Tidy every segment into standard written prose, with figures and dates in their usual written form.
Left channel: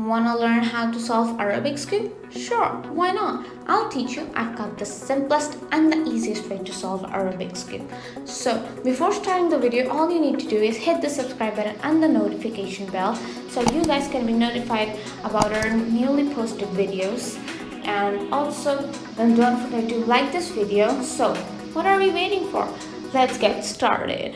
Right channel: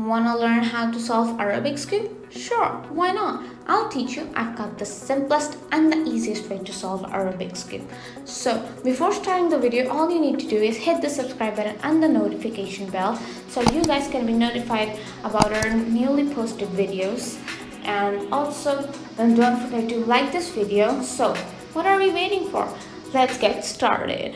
Wanna learn how to solve a Rubik's Cube? Sure, why not? I'll teach you. I've got the simplest and the easiest way to solve a Rubik's Cube. So, before starting the video, all you need to do is hit the subscribe button and the notification bell so you guys can be notified about our newly posted videos. And also, then don't forget to like this video. So, what are we waiting for? Let's get started.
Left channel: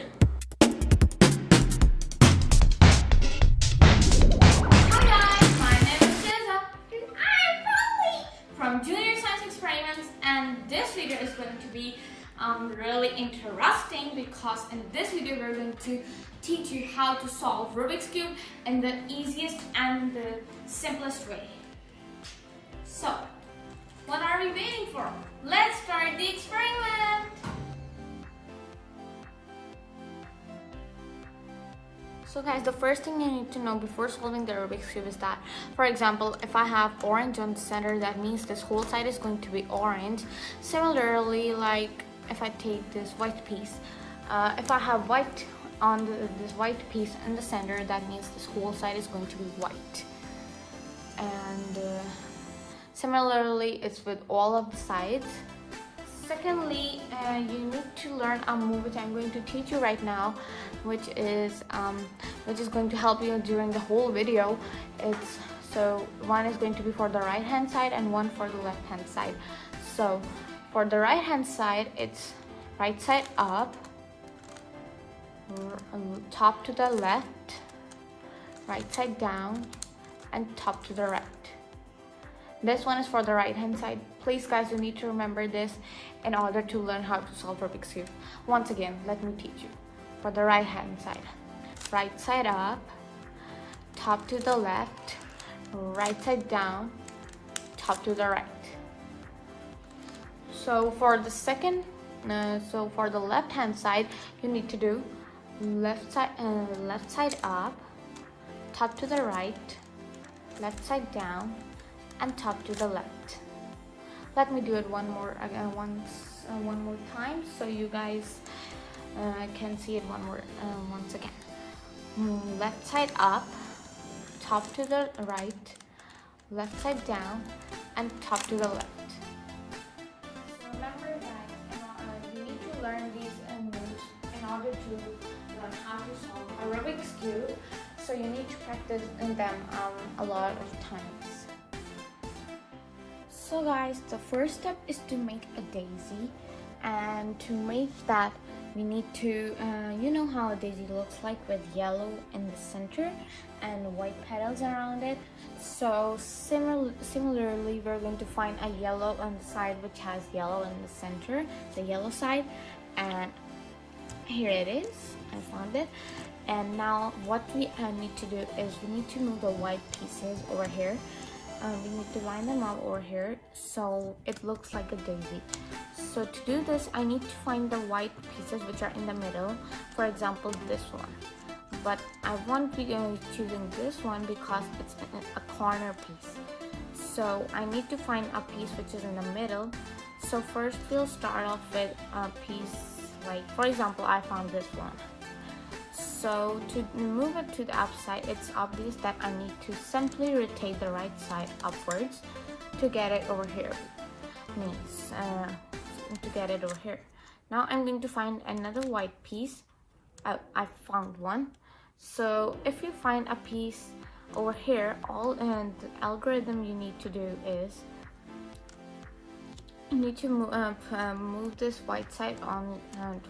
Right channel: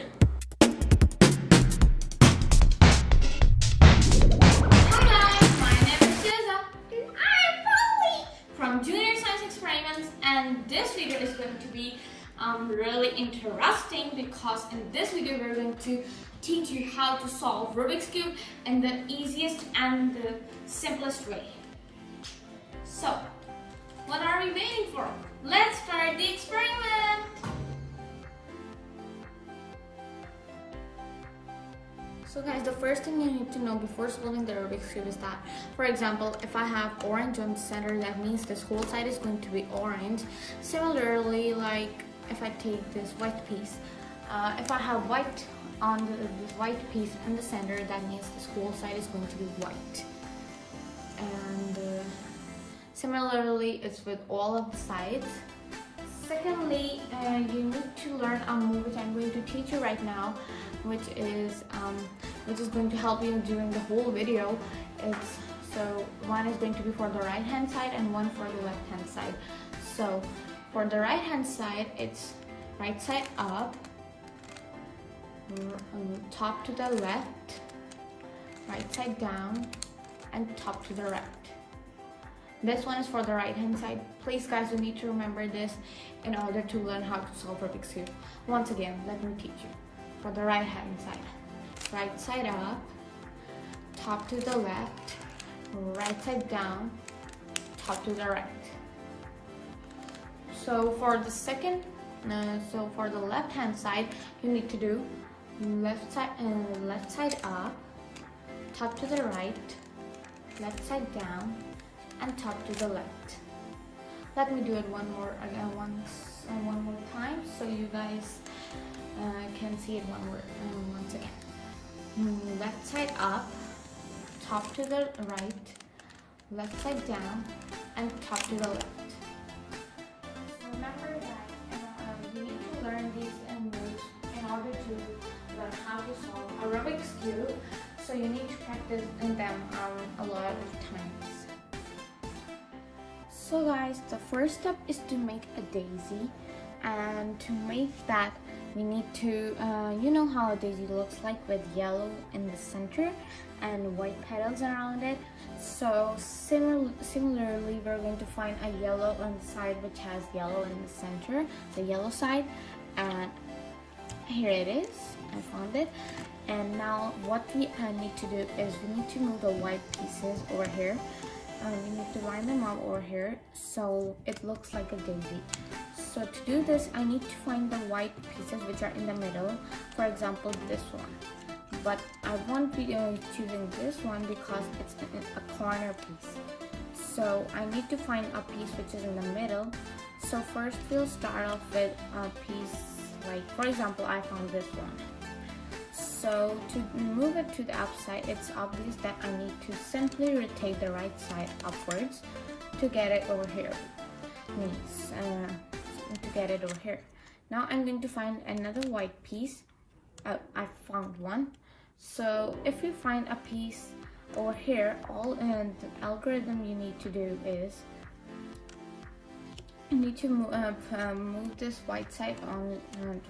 From Junior Science Experiments, and this video is going to be really interesting because in this video we're going to teach you how to solve Rubik's Cube in the easiest and the simplest way. So, what are we waiting for? Let's start the experiment! So guys, the first thing you need to know before solving the Rubik's Cube is that, for example, if I have orange on the center, that means this whole side is going to be orange. Similarly, like if I take this white piece, if I have white on this white piece in the center, that means this whole side is going to be white. And similarly, it's with all of the sides. Secondly, you need to learn a move which I'm going to teach you right now, which is going to help you during the whole video. So one is going to be for the right hand side and one for the left hand side. So for the right hand side, it's right side up, top to the left, right side down, and top to the right. This one is for the right hand side. Please guys, you need to remember this in order to learn how to solve Rubik's Cube. Once again, let me teach you. For the right hand side, right side up, top to the left, right side down, top to the right. So for the second, so for the left hand side, you need to do left side up, top to the right, left side down, and top to the left. Let me do it one more time so you guys can see it once again. Left side up, top to the right, left side down, and top to the left. So remember that you need to learn these moves in order to learn how to solve a Rubik's Cube. So you need to practice them a lot of times. So guys, the first step is to make a daisy, and to make that we need to, you know how a daisy looks like with yellow in the center and white petals around it. So similarly, we're going to find a yellow on the side which has yellow in the center, the yellow side, and here it is, I found it. And now what we need to do is we need to move the white pieces over here. We need to line them up over here so it looks like a daisy. So to do this, I need to find the white pieces which are in the middle. For example, this one. But I won't be choosing this one because it's a corner piece. So I need to find a piece which is in the middle. So first we'll start off with a piece like, for example, I found this one. So to move it to the upside, it's obvious that I need to simply rotate the right side upwards to get it over here. To get it over here. Now I'm going to find another white piece. I found one. So if you find a piece over here, the algorithm you need to do is you need to move this white side on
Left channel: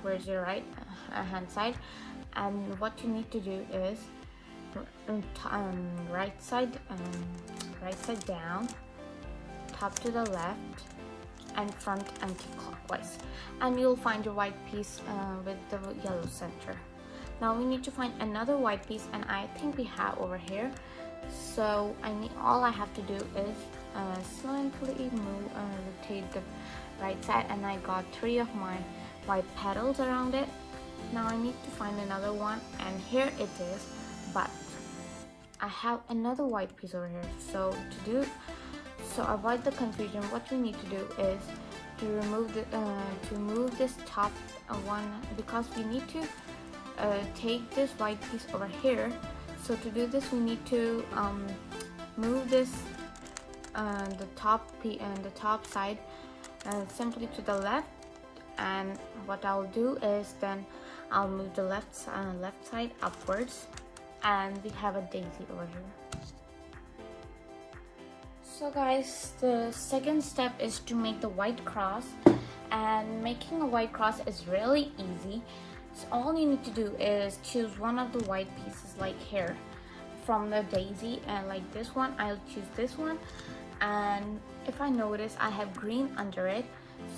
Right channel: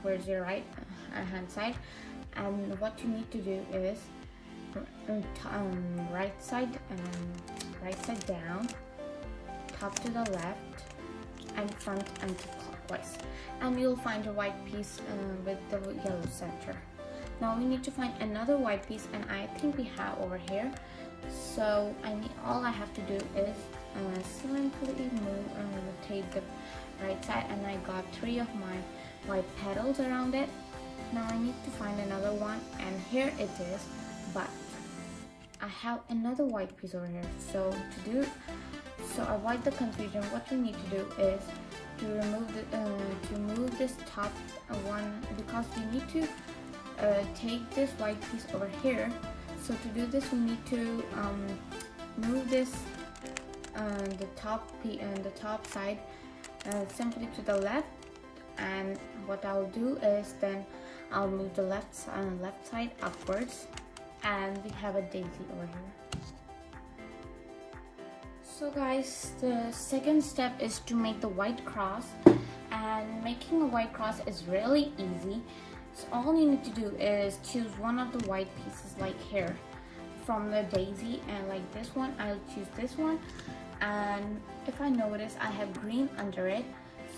towards your right hand side. And what you need to do is right side down, top to the left, and front anti-clockwise. And you'll find your white piece with the yellow center. Now we need to find another white piece, and I think we have over here. So all I have to do is simply rotate the right side, and I got 3 of my white petals around it. Now I need to find another one, and here it is, but I have another white piece over here. So to avoid the confusion, what you need to do is to move this top one, because we need to take this white piece over here. So to do this, we need to move this the top side simply to the left, and what I'll do is then I'll move the left side upwards, and we have a daisy over here. So guys, the second step is to make the white cross, and making a white cross is really easy. So all you need to do is choose one of the white pieces, like here from the daisy, and like this one, I'll choose this one. And if I notice I have green under it,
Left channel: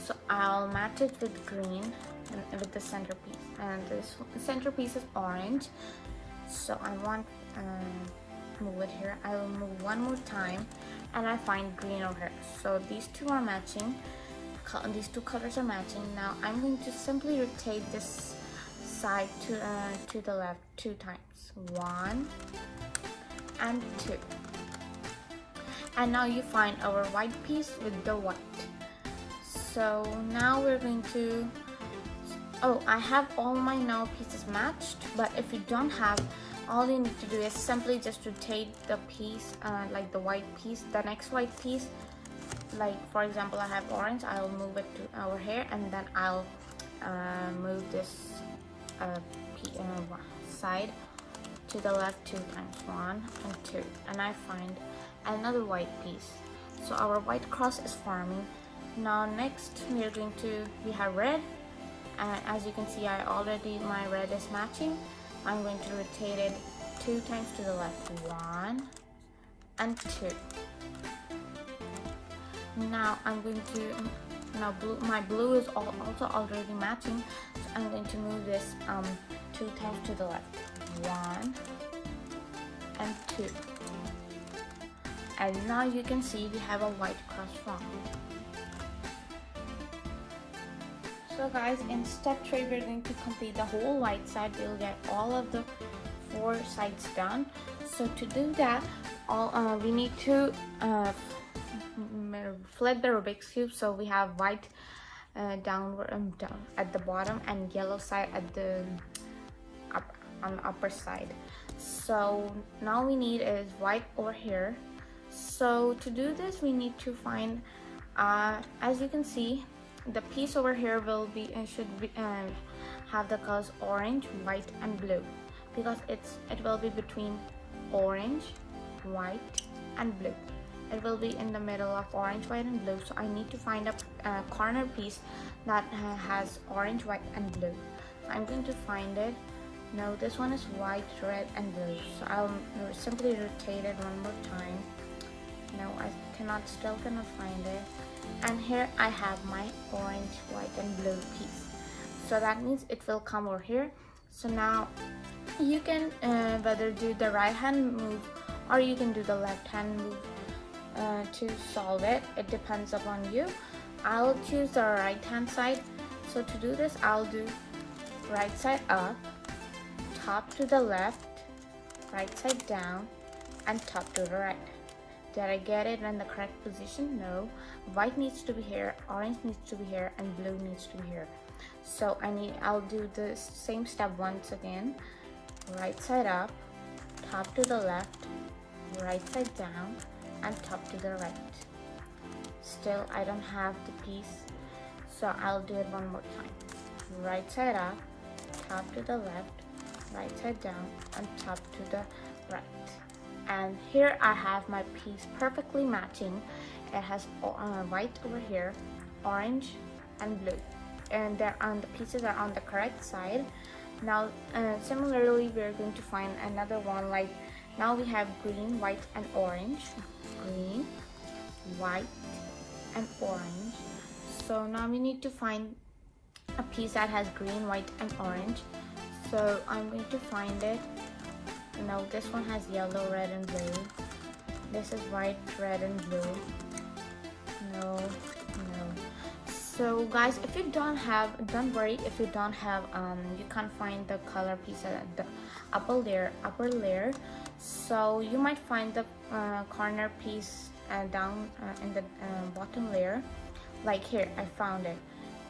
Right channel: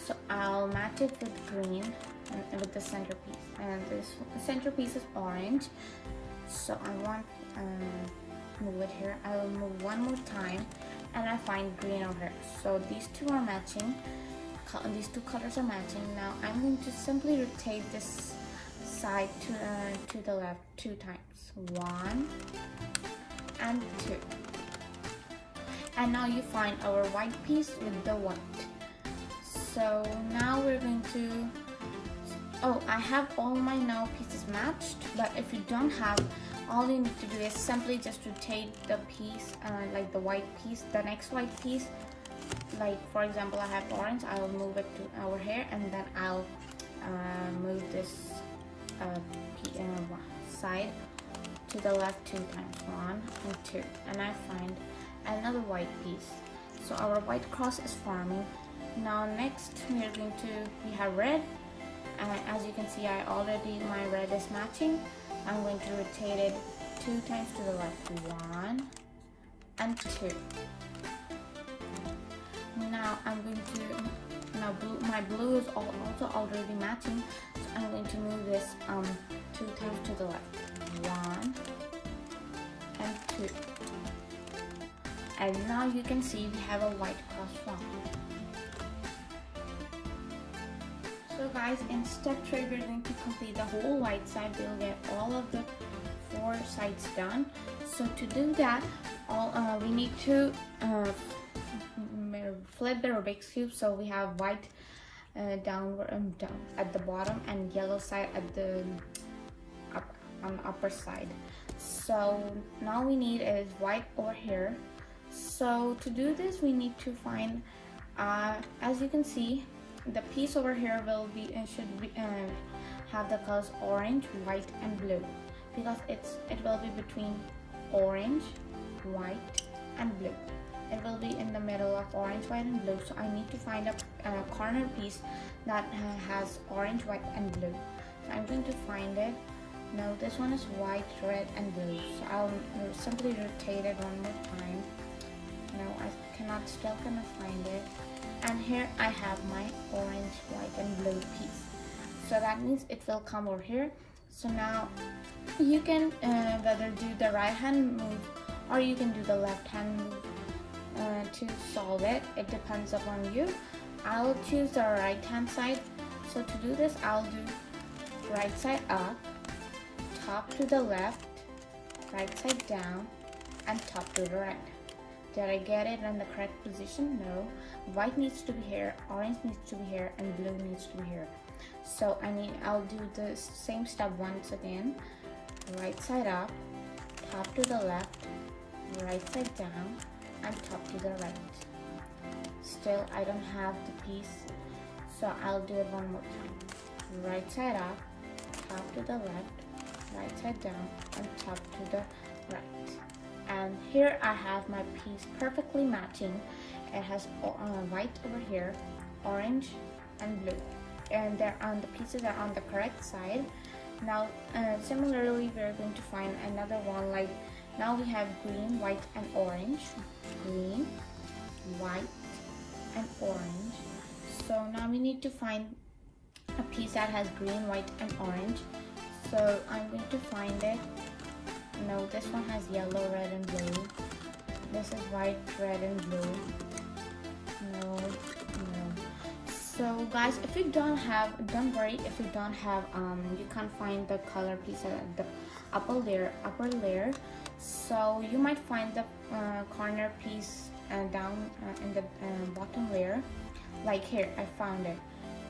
so I'll match it with green and with the centerpiece, and the centerpiece is orange, so I want move it here. I will move one more time, and I find green over here. So these two are matching, these two colors are matching. Now I'm going to simply rotate this side to the left 2 times, 1 and 2. And now you find our white piece with the white. So now we're going to, oh, I have all my now pieces matched, but if you don't have, all you need to do is simply just rotate the piece, like the white piece, the next white piece. Like for example, I have orange, I'll move it to over here, and then I'll move this side to the left 2 times, 1 and 2, and I find another white piece. So our white cross is forming. Now next we have red, and as you can see, my red is matching. I'm going to rotate it 2 times to the left, 1 and 2. Now I'm going to, my blue is also already matching, so I'm going to move this 2 times to the left, 1 and 2. And now you can see we have a white cross formed. So guys, in step 3 we're going to complete the whole white side. We'll get all of the 4 sides done. So to do that, we need to flip the Rubik's Cube. So we have white down at the bottom and yellow side at the on the upper side. So now we need is white over here. So to do this, we need to find, as you can see, the piece over here should have the colors orange, white and blue, because it will be between orange, white and blue. It will be in the middle of orange, white and blue. So I need to find a corner piece that has orange, white and blue. So I'm going to find it. Now this one is white, red and blue. So I'll simply rotate it one more time. No, I still cannot find it. And here I have my orange, white and blue piece. So that means it will come over here. So now you can whether do the right hand move or you can do the left hand move to solve it. It depends upon you. I'll choose the right hand side. So to do this, I'll do right side up, top to the left, right side down, and top to the right. Did I get it in the correct position? No. White needs to be here, orange needs to be here, and blue needs to be here. So I'll do the same step once again. Right side up, top to the left, right side down, and top to the right. Still, I don't have the piece, so I'll do it one more time. Right side up, top to the left, right side down, and top to the right. And here I have my piece perfectly matching. It has white over here, orange and blue, and the pieces are on the correct side. Now similarly, we're going to find another one. Like now we have green, white and orange, green, white and orange. So now we need to find a piece that has green, white and orange. So I'm going to find it. No, this one has yellow, red and blue. This is white, red and blue. No. So guys, if you don't worry if you don't have you can't find the color piece at the upper layer. So you might find the corner piece down in the bottom layer. Like here, I found it,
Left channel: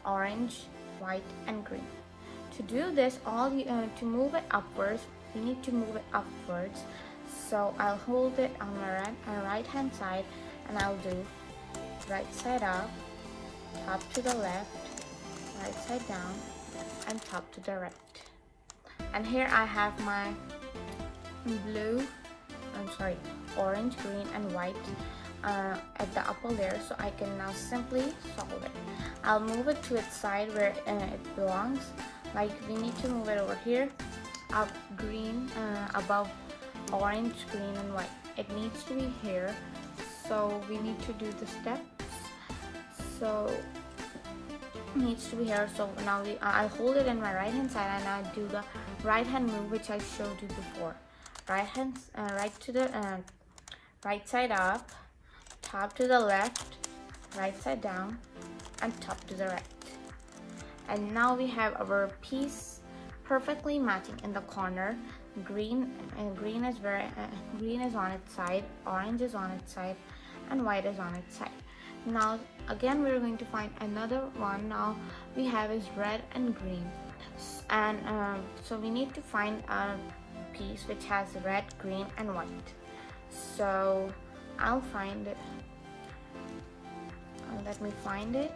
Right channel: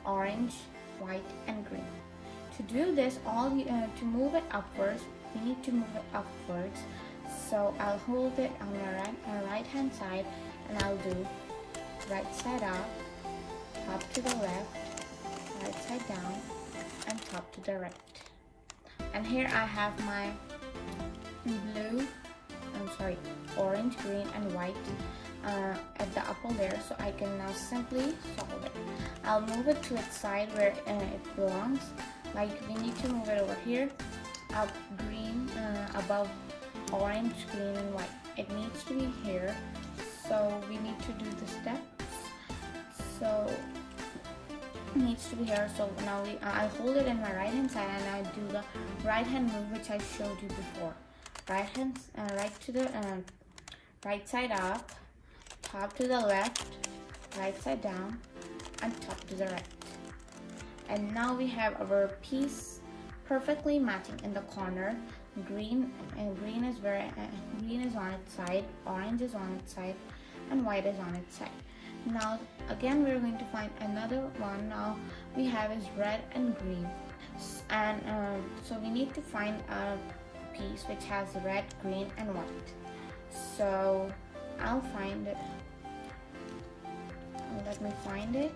orange, white and green. To do this, to move it upwards, you need to move it upwards. So I'll hold it on my right hand side, and I'll do right side up, top to the left, right side down, and top to the right. And here I have my orange, green, and white at the upper layer, so I can now simply solve it. I'll move it to its side where it belongs. Like, we need to move it over here, up green, above orange, green, and white. It needs to be here, so we need to do the steps. So it needs to be here. So now I hold it in my right hand side, and I do the right hand move which I showed you before. Right to the right side up, top to the left, right side down, and top to the right. And now we have our piece perfectly matching in the corner. Green is on its side, orange is on its side, and white is on its side. Now again we're going to find another one. Now we have is red and green, and so we need to find a piece which has red, green, and white. So I'll find it. Let me find it.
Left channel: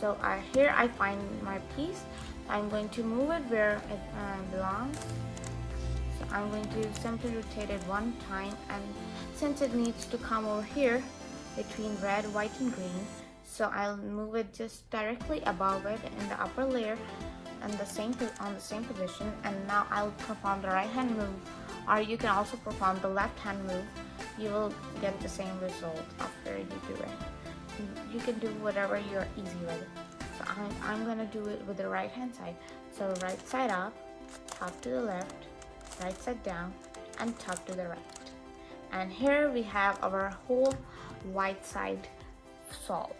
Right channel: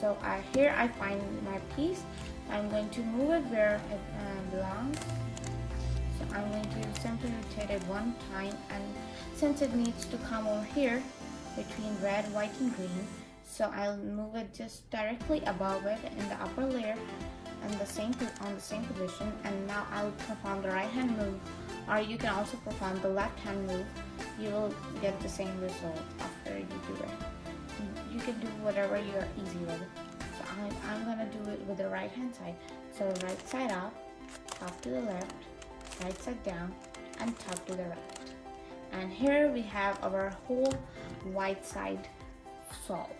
So here I find my piece. I'm going to move it where it belongs. So I'm going to simply rotate it one time, and since it needs to come over here between red, white, and green, so I'll move it just directly above it in the upper layer and on the same position. And now I'll perform the right hand move, or you can also perform the left hand move. You will get the same result after you do it. You can do whatever you're easy with. So I'm gonna do it with the right hand side. So right side up, top to the left, right side down, and top to the right. And here we have our whole white side solved.